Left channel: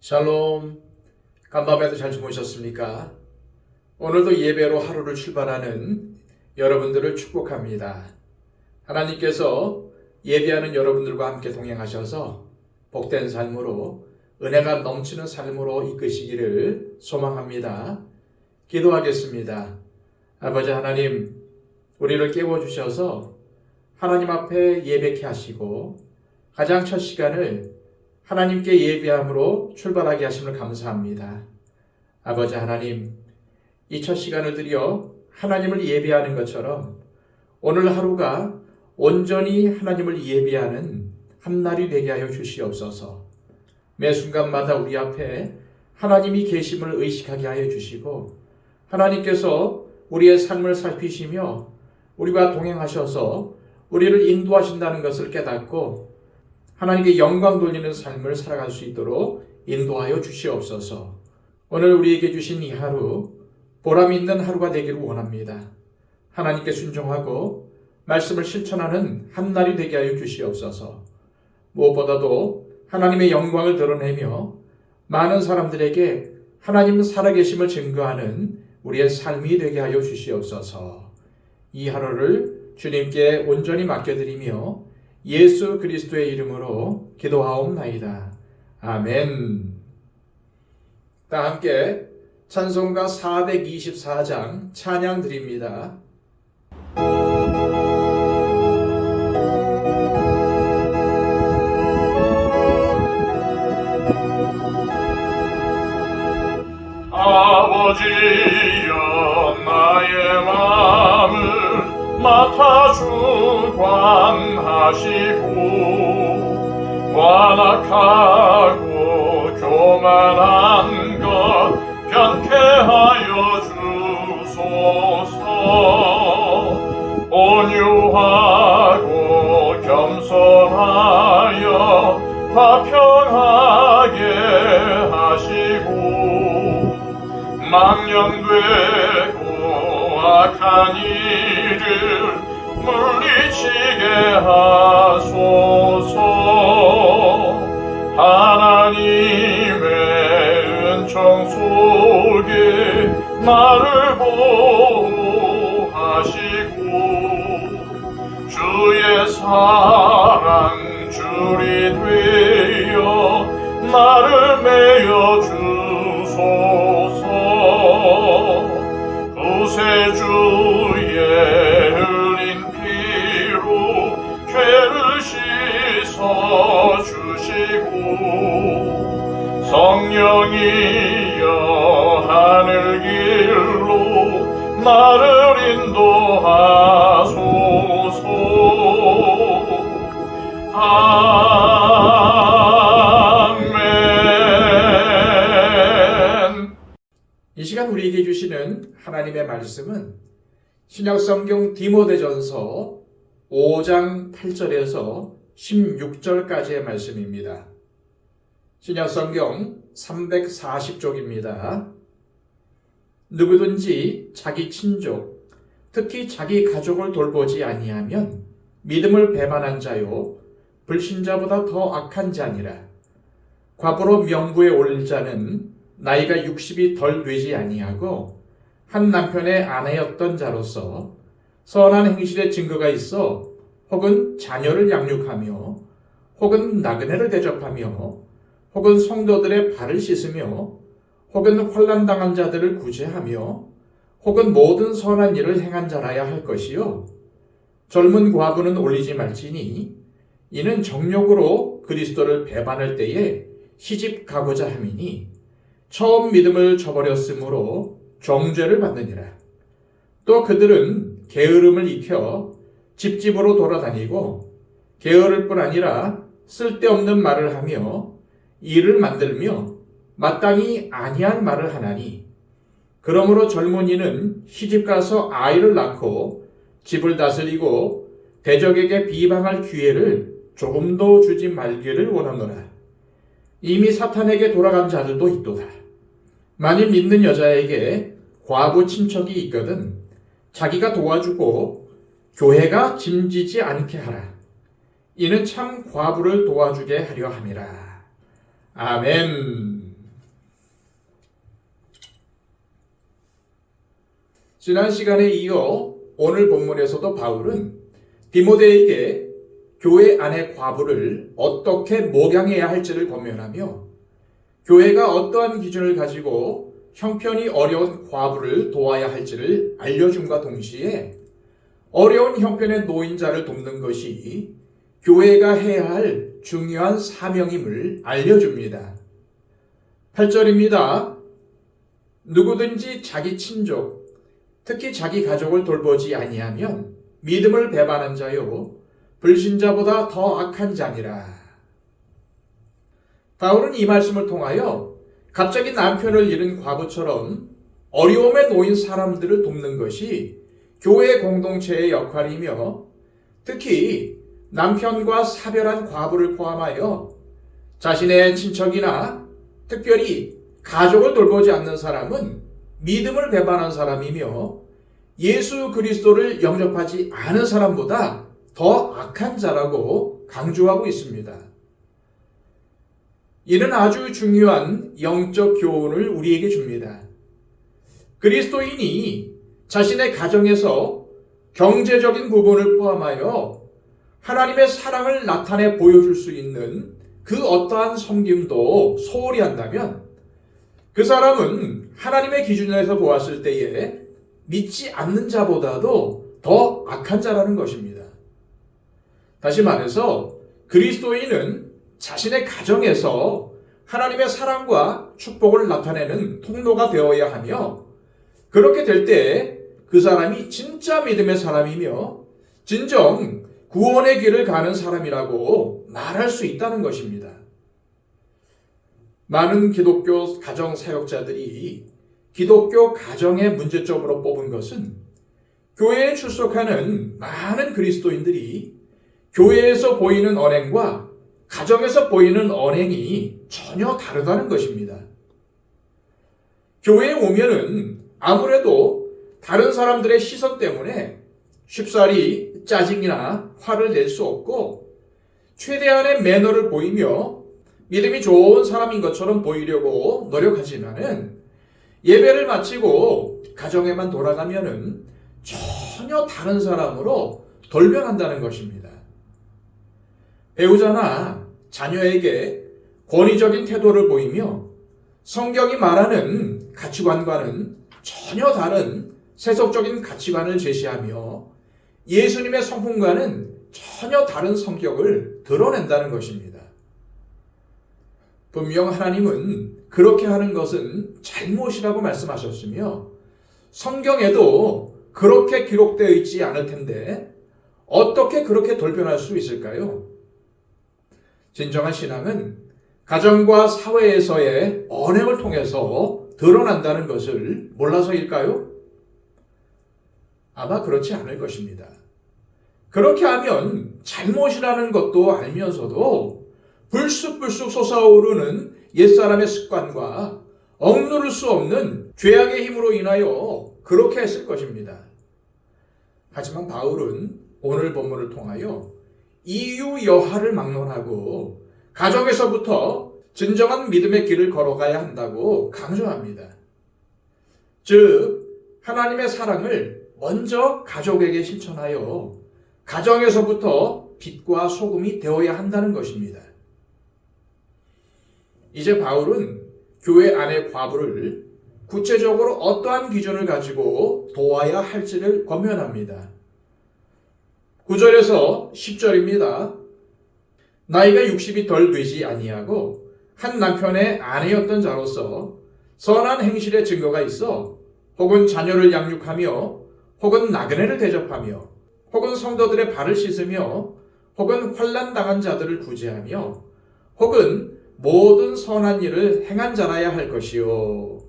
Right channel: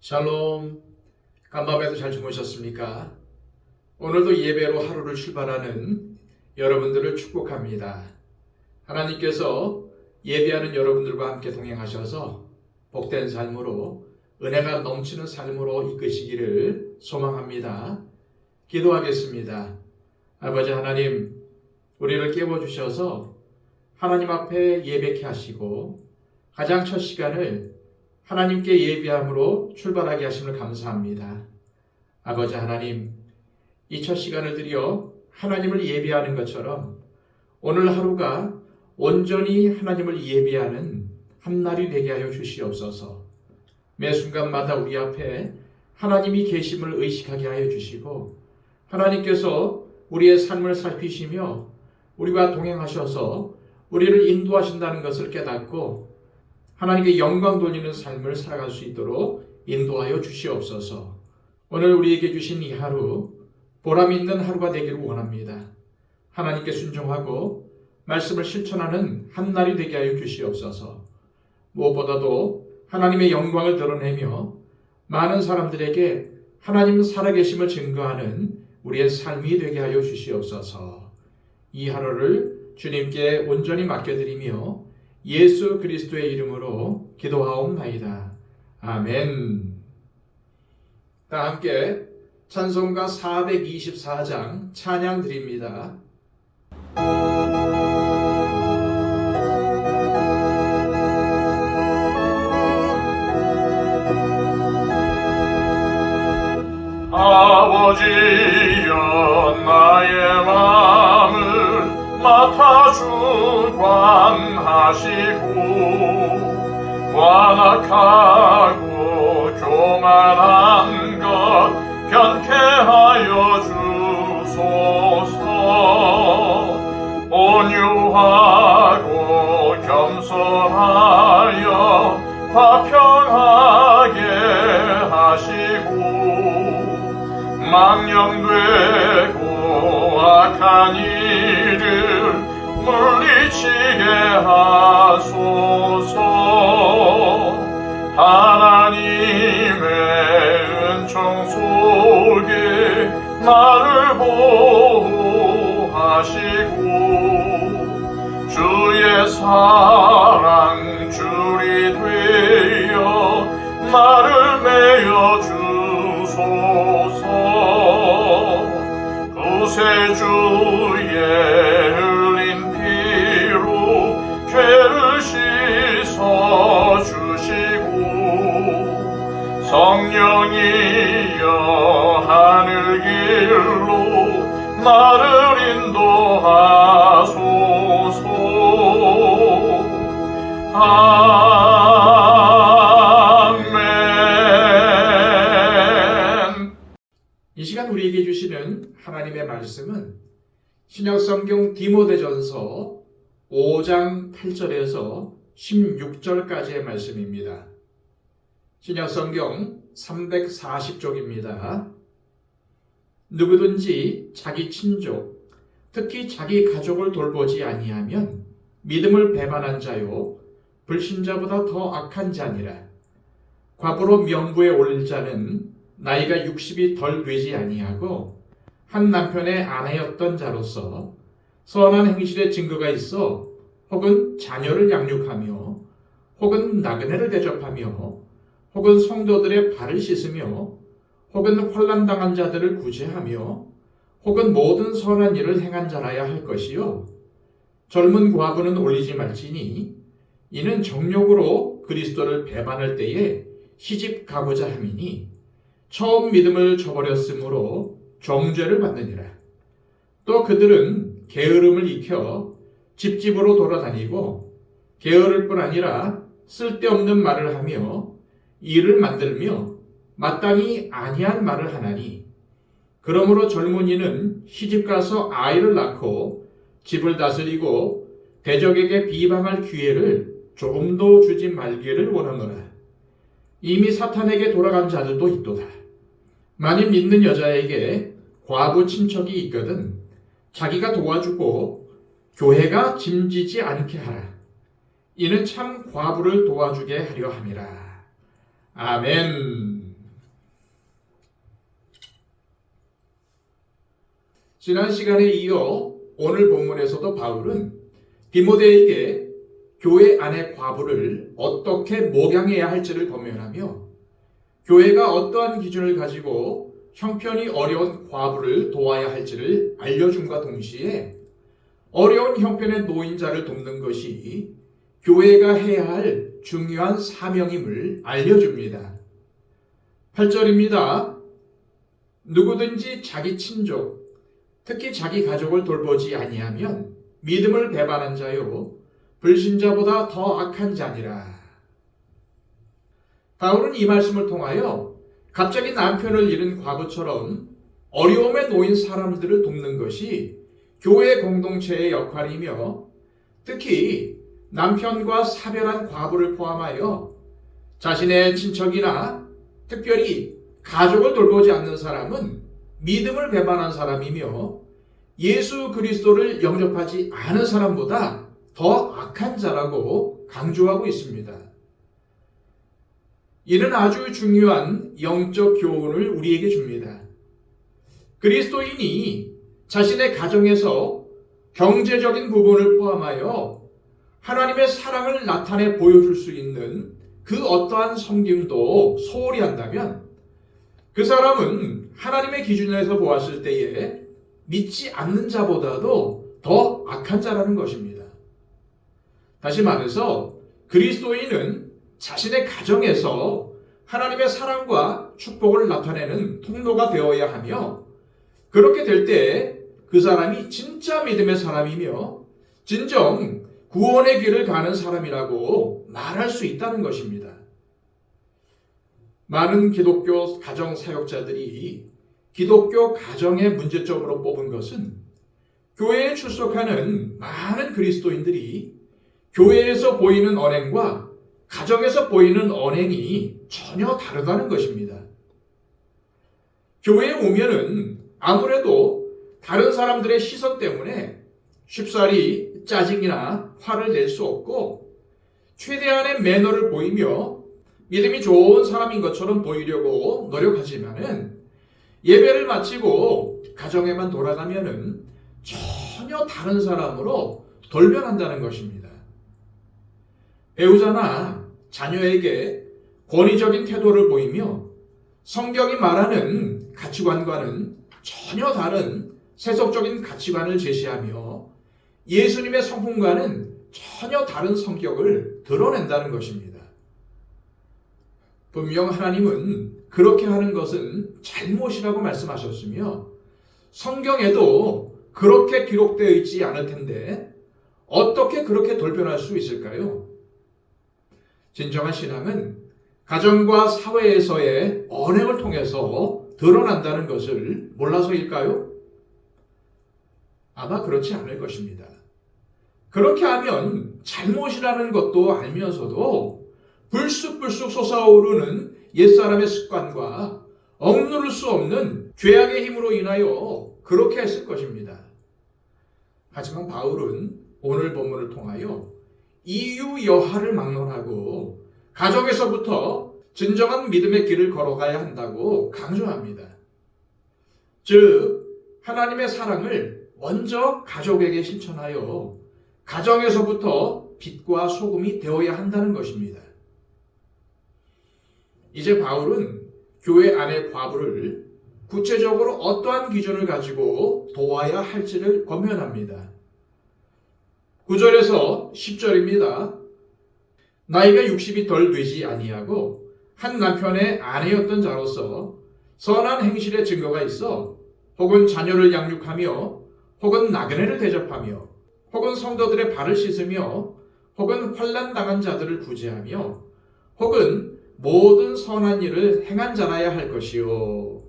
샬롬, 간밤에도 잘 주무셨습니까? 오늘도 예배로 하루를 출발하는 여러분들을 축복합니다. 하나님께서 예배하는 여러분들과 함께 동행하셔서 복된 삶으로 은혜가 넘치는 삶으로 이끄시기를 소망합니다. 기도하겠습니다. 아버지 하나님, 우리를 깨워주셔서 하나님 앞에 예배케 하시고 가장 첫 시간을 하나님께 예배함으로 출발하게 하심을 감사합니다. 아버지 하나님, 이 첫 시간을 들여 하나님을 예배하는 것처럼 오늘 하루가 온전히 하나님을 예배하는 한 날이 되게 하여 주시옵소서. 매 순간마다 우리 앞에 하나님이 계심을 의식하게 하여 주시고 하나님께서 우리의 삶을 살피시며 우리와 동행하셔서 우리를 인도하신다는 것을 깨닫고 하나님께 영광 돌리는 삶을 살아갈 수 있도록 인도하여 주시옵소서. 오늘 우리에게 주신 이 하루 보람 있는 하루가 되기를 원합니다. 하나님께 순종하고 말씀을 실천하는 한 날이 되게 하여 주시옵소서. 무엇보다도 하나님의 영광을 드러내며 많은 사람들에게 하나님 살아계심을 증거하는 우리의 삶이 되게 하여 주시옵소서. 이 하루를 주님께 온전히 맡겨드리며 예수 그리스도의 이름으로 기도하옵나이다. 아멘. 다 함께 찬송가 424장 찬양 드립니다. 아버지여 나의 마음을 맡아 주관하시고 완악하고 교만한 것 변케 하여 주소서. 온유하고 겸손하여 화평하게 하시고 망령되고 악한 일을 물리치게 하소서. 하나님의 은총 속에 나를 보호하시고 주의 사랑 줄이 되어 나를 메어 주소서. 구세주의 흘린 피로 죄를 씻어 주시고 성령이여 하늘 길로 나를 인도하소서. 아멘. 이 시간 우리에게 주시는 하나님의 말씀은 신약성경 디모데전서 5장 8절에서 16절까지의 말씀입니다. 신약성경 340쪽입니다. 누구든지 자기 친족, 특히 자기 가족을 돌보지 아니하면 믿음을 배반한 자요 불신자보다 더 악한 자니라. 과부로 명부에 오를 자는 나이가 60이 덜 되지 아니하고 한 남편의 아내였던 자로서 선한 행실의 증거가 있어 혹은 자녀를 양육하며 혹은 나그네를 대접하며 혹은 성도들의 발을 씻으며 혹은 혼란당한 자들을 구제하며 혹은 모든 선한 일을 행한 자라야 할 것이요 젊은 과부는 올리지 말지니 이는 정욕으로 그리스도를 배반할 때에 시집 가고자 함이니 처음 믿음을 저버렸으므로 정죄를 받느니라. 또 그들은 게으름을 입혀 집집으로 돌아다니고 게으를 뿐 아니라 쓸데없는 말을 하며 일을 만들며 마땅히 아니한 말을 하나니 그러므로 젊은이는 시집가서 아이를 낳고 집을 다스리고 대적에게 비방할 기회를 조금도 주지 말기를 원하노라. 이미 사탄에게 돌아간 자들도 있도다. 만일 믿는 여자에게 과부 친척이 있거든 자기가 도와주고 교회가 짐지지 않게 하라. 이는 참 과부를 도와주게 하려 함이라. 아멘. 지난 시간에 이어 오늘 본문에서도 바울은 디모데에게 교회 안의 과부를 어떻게 목양해야 할지를 권면하며 교회가 어떠한 기준을 가지고 형편이 어려운 과부를 도와야 할지를 알려줌과 동시에 어려운 형편의 노인자를 돕는 것이 교회가 해야 할 중요한 사명임을 알려줍니다. 8절입니다. 누구든지 자기 친족, 특히 자기 가족을 돌보지 아니하면 믿음을 배반한 자요 불신자보다 더 악한 자니라. 바울은 이 말씀을 통하여 갑자기 남편을 잃은 과부처럼 어려움에 놓인 사람들을 돕는 것이 교회 공동체의 역할이며 특히 남편과 사별한 과부를 포함하여 자신의 친척이나 특별히 가족을 돌보지 않는 사람은 믿음을 배반한 사람이며 예수 그리스도를 영접하지 않은 사람보다 더 악한 자라고 강조하고 있습니다. 이는 아주 중요한 영적 교훈을 우리에게 줍니다. 그리스도인이 자신의 가정에서 경제적인 부분을 포함하여 하나님의 사랑을 나타내 보여줄 수 있는 그 어떠한 섬김도 소홀히 한다면 그 사람은 하나님의 기준에서 보았을 때에 믿지 않는 자보다도 더 악한 자라는 것입니다. 다시 말해서 그리스도인은 자신의 가정에서 하나님의 사랑과 축복을 나타내는 통로가 되어야 하며 그렇게 될 때 그 사람이 진짜 믿음의 사람이며 진정 구원의 길을 가는 사람이라고 말할 수 있다는 것입니다. 많은 기독교 가정 사역자들이 기독교 가정의 문제점으로 뽑은 것은 교회에 출석하는 많은 그리스도인들이 교회에서 보이는 언행과 가정에서 보이는 언행이 전혀 다르다는 것입니다. 교회에 오면은 아무래도 다른 사람들의 시선 때문에 쉽사리 짜증이나 화를 낼 수 없고 최대한의 매너를 보이며 믿음이 좋은 사람인 것처럼 보이려고 노력하지만은 예배를 마치고 가정에만 돌아가면은 전혀 다른 사람으로 돌변한다는 것입니다. 배우자나 자녀에게 권위적인 태도를 보이며 성경이 말하는 가치관과는 전혀 다른 세속적인 가치관을 제시하며 예수님의 성품과는 전혀 다른 성격을 드러낸다는 것입니다. 분명 하나님은 그렇게 하는 것은 잘못이라고 말씀하셨으며 성경에도 그렇게 기록되어 있지 않을 텐데 어떻게 그렇게 돌변할 수 있을까요? 진정한 신앙은 가정과 사회에서의 언행을 통해서 드러난다는 것을 몰라서일까요? 아마 그렇지 않을 것입니다. 그렇게 하면 잘못이라는 것도 알면서도 불쑥불쑥 솟아오르는 옛사람의 습관과 억누를 수 없는 죄악의 힘으로 인하여 그렇게 했을 것입니다. 하지만 바울은 오늘 본문을 통하여 이유 여하를 막론하고 가정에서부터 진정한 믿음의 길을 걸어가야 한다고 강조합니다. 즉 하나님의 사랑을 먼저 가족에게 실천하여 가정에서부터 빛과 소금이 되어야 한다는 것입니다. 이제 바울은 교회 안의 과부를 구체적으로 어떠한 기준을 가지고 도와야 할지를 권면합니다. 9절에서 10절입니다. 나이가 60이 덜 되지 아니하고 한 남편의 아내였던 자로서 선한 행실의 증거가 있어 혹은 자녀를 양육하며 혹은 나그네를 대접하며 혹은 성도들의 발을 씻으며 혹은 환난 당한 자들을 구제하며 혹은 모든 선한 일을 행한 자라야 할 것이요.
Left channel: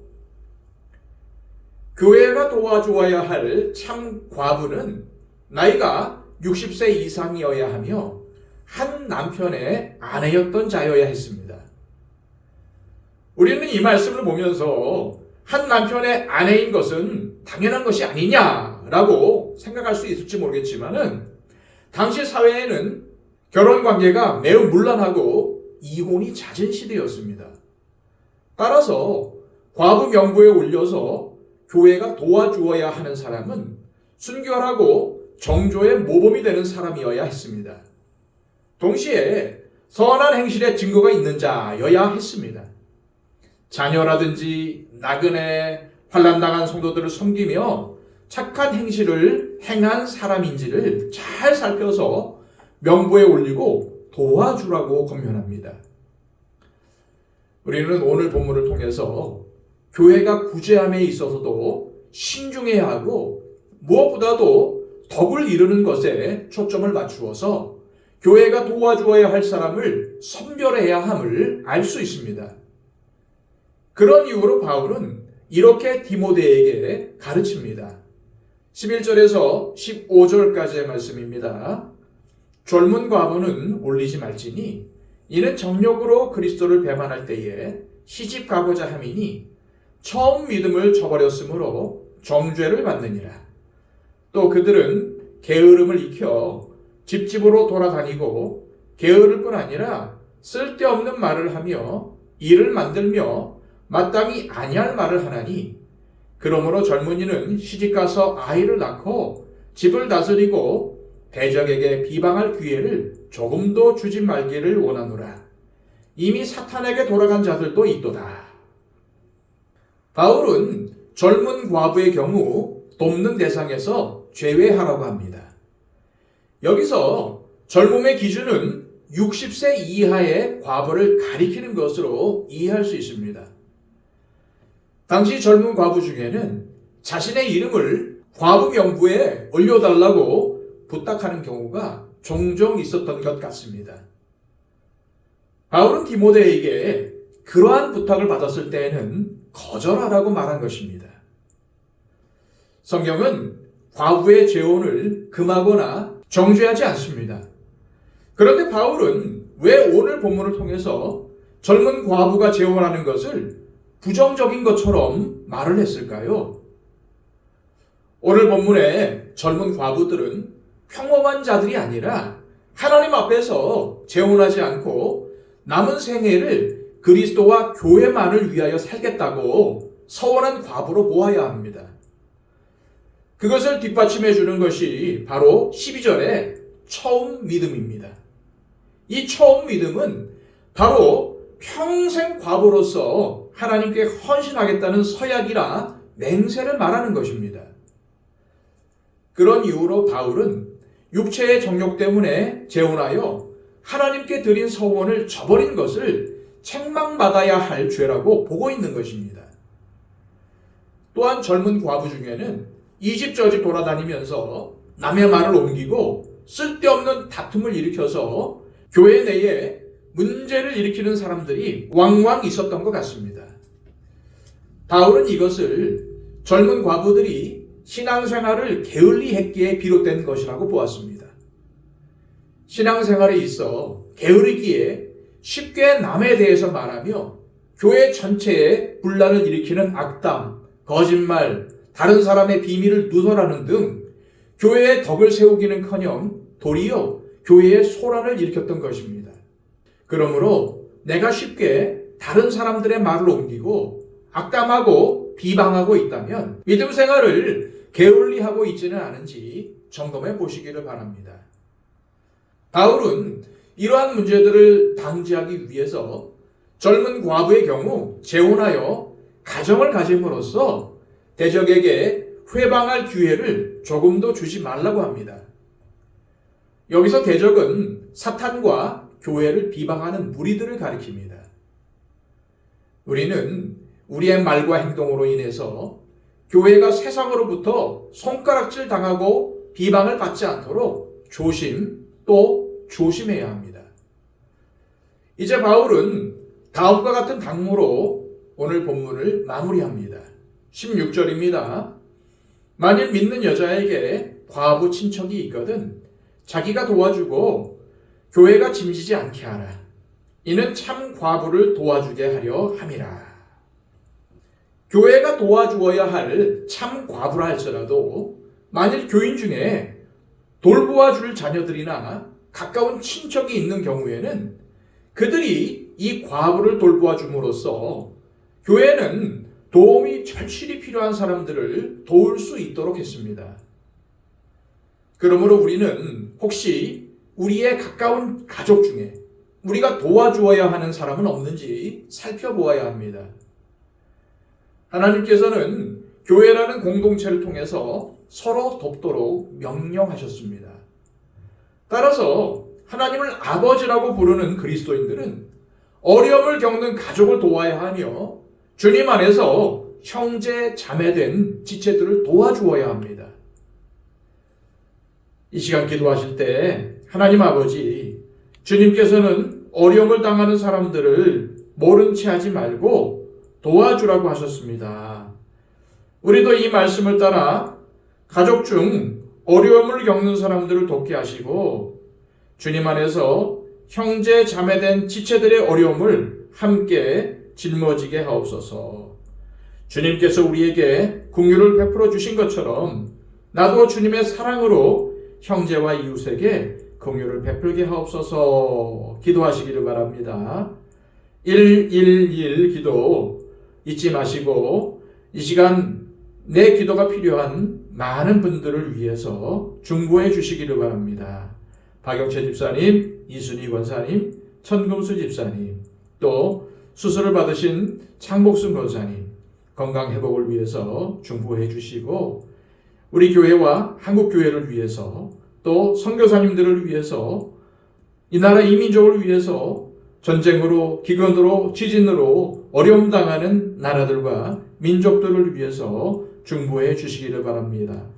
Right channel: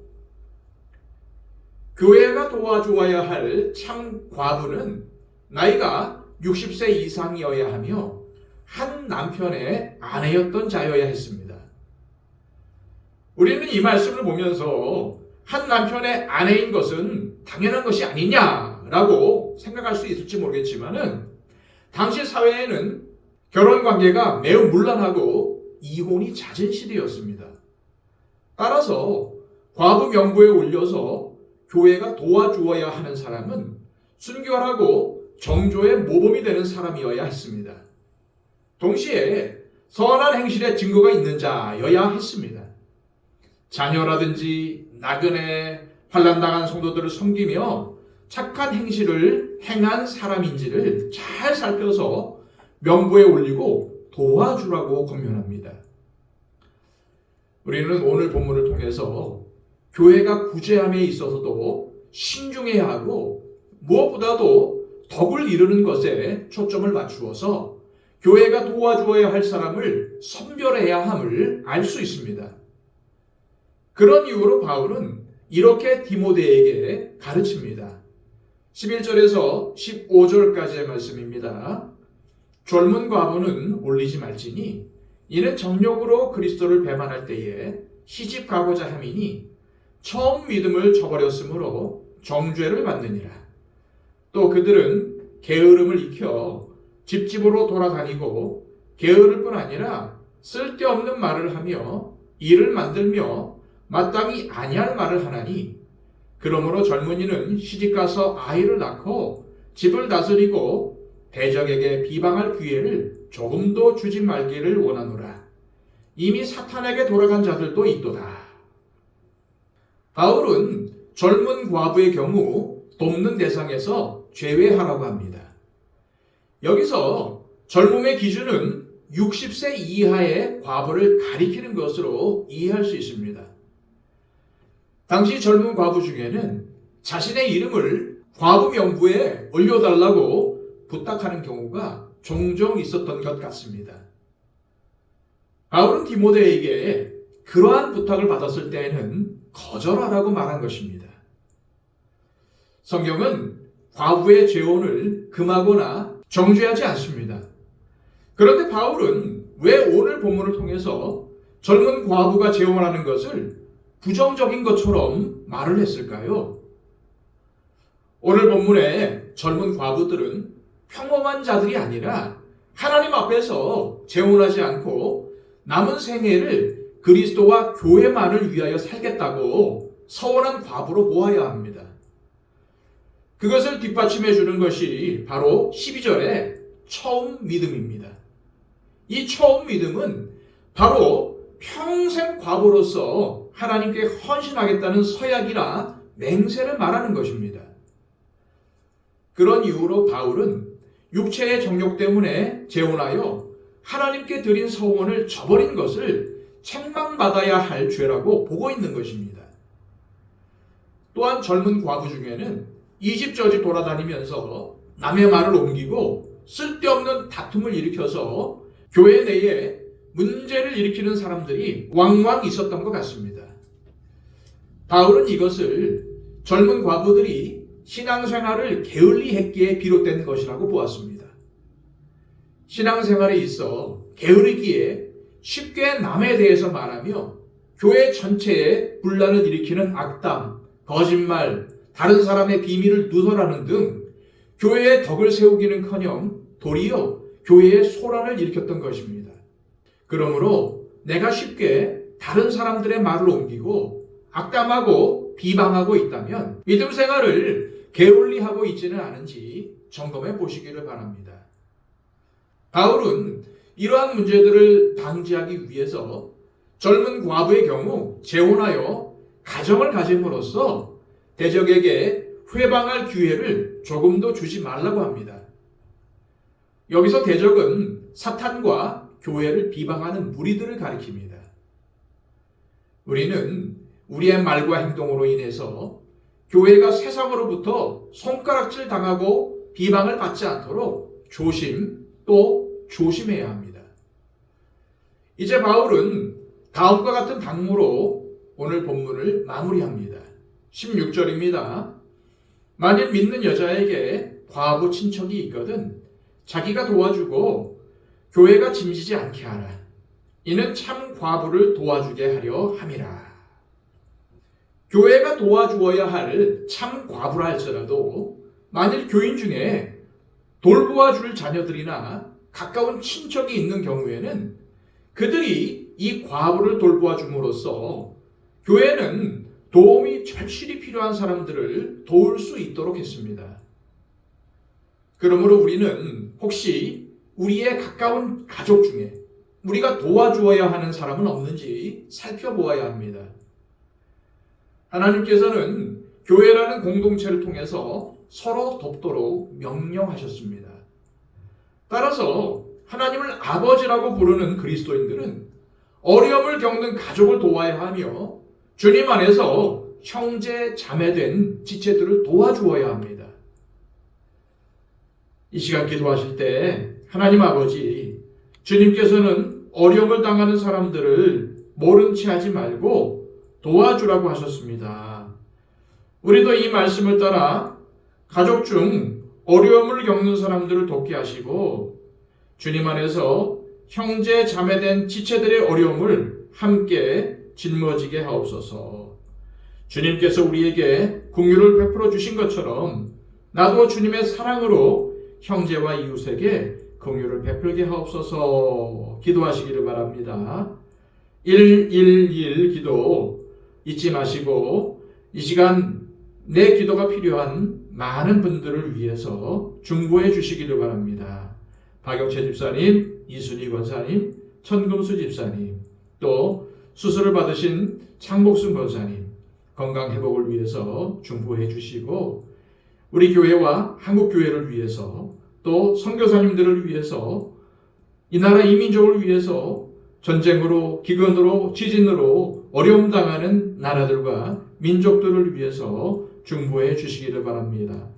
교회가 도와주어야 할 참 과부는 나이가 60세 이상이어야 하며 한 남편의 아내였던 자여야 했습니다. 우리는 이 말씀을 보면서 한 남편의 아내인 것은 당연한 것이 아니냐라고 생각할 수 있을지 모르겠지만은 당시 사회에는 결혼 관계가 매우 문란하고 이혼이 잦은 시대였습니다. 따라서 과부 명부에 올려서 교회가 도와주어야 하는 사람은 순결하고 정조의 모범이 되는 사람이어야 했습니다. 동시에 선한 행실의 증거가 있는 자여야 했습니다. 자녀라든지 나그네, 환난당한 성도들을 섬기며 착한 행실을 행한 사람인지를 잘 살펴서 명부에 올리고 도와주라고 권면합니다. 우리는 오늘 본문을 통해서 교회가 구제함에 있어서도 신중해야 하고 무엇보다도 덕을 이루는 것에 초점을 맞추어서 교회가 도와주어야 할 사람을 선별해야 함을 알 수 있습니다. 그런 이유로 바울은 이렇게 디모데에게 가르칩니다. 11절에서 15절까지의 말씀입니다. 젊은 과부는 올리지 말지니 이는 정욕으로 그리스도를 배반할 때에 시집 가고자 함이니 처음 믿음을 저버렸으므로 정죄를 받느니라. 또 그들은 게으름을 익혀 집집으로 돌아다니고 게으를 뿐 아니라 쓸데없는 말을 하며 일을 만들며 마땅히 아니할 말을 하나니 그러므로 젊은이는 시집가서 아이를 낳고 집을 다스리고 대적에게 비방할 기회를 조금도 주지 말기를 원하노라. 이미 사탄에게 돌아간 자들도 있도다. 바울은 젊은 과부의 경우 돕는 대상에서 제외하라고 합니다. 여기서 젊음의 기준은 60세 이하의 과부를 가리키는 것으로 이해할 수 있습니다. 당시 젊은 과부 중에는 자신의 이름을 과부 명부에 올려달라고 부탁하는 경우가 종종 있었던 것 같습니다. 바울은 디모데에게 그러한 부탁을 받았을 때에는 거절하라고 말한 것입니다. 성경은 과부의 재혼을 금하거나 정죄하지 않습니다. 그런데 바울은 왜 오늘 본문을 통해서 젊은 과부가 재혼하는 것을 부정적인 것처럼 말을 했을까요? 오늘 본문의 젊은 과부들은 평범한 자들이 아니라 하나님 앞에서 재혼하지 않고 남은 생애를 그리스도와 교회만을 위하여 살겠다고 서원한 과부로 보아야 합니다. 그것을 뒷받침해 주는 것이 바로 12절의 처음 믿음입니다. 이 처음 믿음은 바로 평생 과부로서 하나님께 헌신하겠다는 서약이나 맹세를 말하는 것입니다. 그런 이유로 바울은 육체의 정욕 때문에 재혼하여 하나님께 드린 서원을 저버린 것을 책망받아야 할 죄라고 보고 있는 것입니다. 또한 젊은 과부 중에는 이 집 저 집 돌아다니면서 남의 말을 옮기고 쓸데없는 다툼을 일으켜서 교회 내에 문제를 일으키는 사람들이 왕왕 있었던 것 같습니다. 바울은 이것을 젊은 과부들이 신앙생활을 게을리 했기에 비롯된 것이라고 보았습니다. 신앙생활에 있어 게으르기에 쉽게 남에 대해서 말하며 교회 전체에 분란을 일으키는 악담, 거짓말, 다른 사람의 비밀을 누설하는 등 교회의 덕을 세우기는커녕 도리어 교회의 소란을 일으켰던 것입니다. 그러므로 내가 쉽게 다른 사람들의 말을 옮기고 악담하고 비방하고 있다면 믿음 생활을 게을리하고 있지는 않은지 점검해 보시기를 바랍니다. 바울은 이러한 문제들을 방지하기 위해서 젊은 과부의 경우 재혼하여 가정을 가짐으로써 대적에게 회방할 기회를 조금도 주지 말라고 합니다. 여기서 대적은 사탄과 교회를 비방하는 무리들을 가리킵니다. 우리는 우리의 말과 행동으로 인해서 교회가 세상으로부터 손가락질 당하고 비방을 받지 않도록 조심 또 조심해야 합니다. 이제 바울은 다음과 같은 당부로 오늘 본문을 마무리합니다. 16절입니다. 만일 믿는 여자에게 과부 친척이 있거든 자기가 도와주고 교회가 짐지지 않게 하라. 이는 참 과부를 도와주게 하려 함이라. 교회가 도와주어야 할 참 과부라 할지라도 만일 교인 중에 돌보아 줄 자녀들이나 가까운 친척이 있는 경우에는 그들이 이 과부를 돌보아 줌으로써 교회는 도움이 절실히 필요한 사람들을 도울 수 있도록 했습니다. 그러므로 우리는 혹시 우리의 가까운 가족 중에 우리가 도와주어야 하는 사람은 없는지 살펴보아야 합니다. 하나님께서는 교회라는 공동체를 통해서 서로 돕도록 명령하셨습니다. 따라서 하나님을 아버지라고 부르는 그리스도인들은 어려움을 겪는 가족을 도와야 하며 주님 안에서 형제 자매된 지체들을 도와주어야 합니다. 이 시간 기도하실 때 하나님 아버지, 주님께서는 어려움을 당하는 사람들을 모른 채 하지 말고 도와주라고 하셨습니다. 우리도 이 말씀을 따라 가족 중 어려움을 겪는 사람들을 돕게 하시고 주님 안에서 형제 자매된 지체들의 어려움을 함께 짊어지게 하옵소서. 주님께서 우리에게 긍휼을 베풀어 주신 것처럼 나도 주님의 사랑으로 형제와 이웃에게 긍휼을 베풀게 하옵소서. 기도하시기를 바랍니다. 111 기도 잊지 마시고 이 시간 내 기도가 필요한 많은 분들을 위해서 중보해 주시기를 바랍니다. 박영채 집사님, 이순희 권사님, 천금수 집사님, 또 수술을 받으신 창복순 권사님 건강 회복을 위해서 중보해 주시고 우리 교회와 한국 교회를 위해서 또 선교사님들을 위해서 이 나라 이민족을 위해서 전쟁으로 기근으로 지진으로 어려움 당하는 나라들과 민족들을 위해서 중보해 주시기를 바랍니다.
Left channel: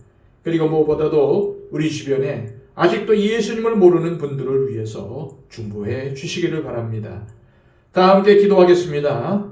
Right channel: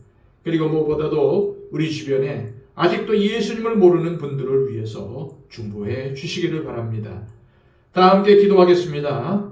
그리고 무엇보다도 우리 주변에 아직도 예수님을 모르는 분들을 위해서 중보해 주시기를 바랍니다. 다 함께 기도하겠습니다.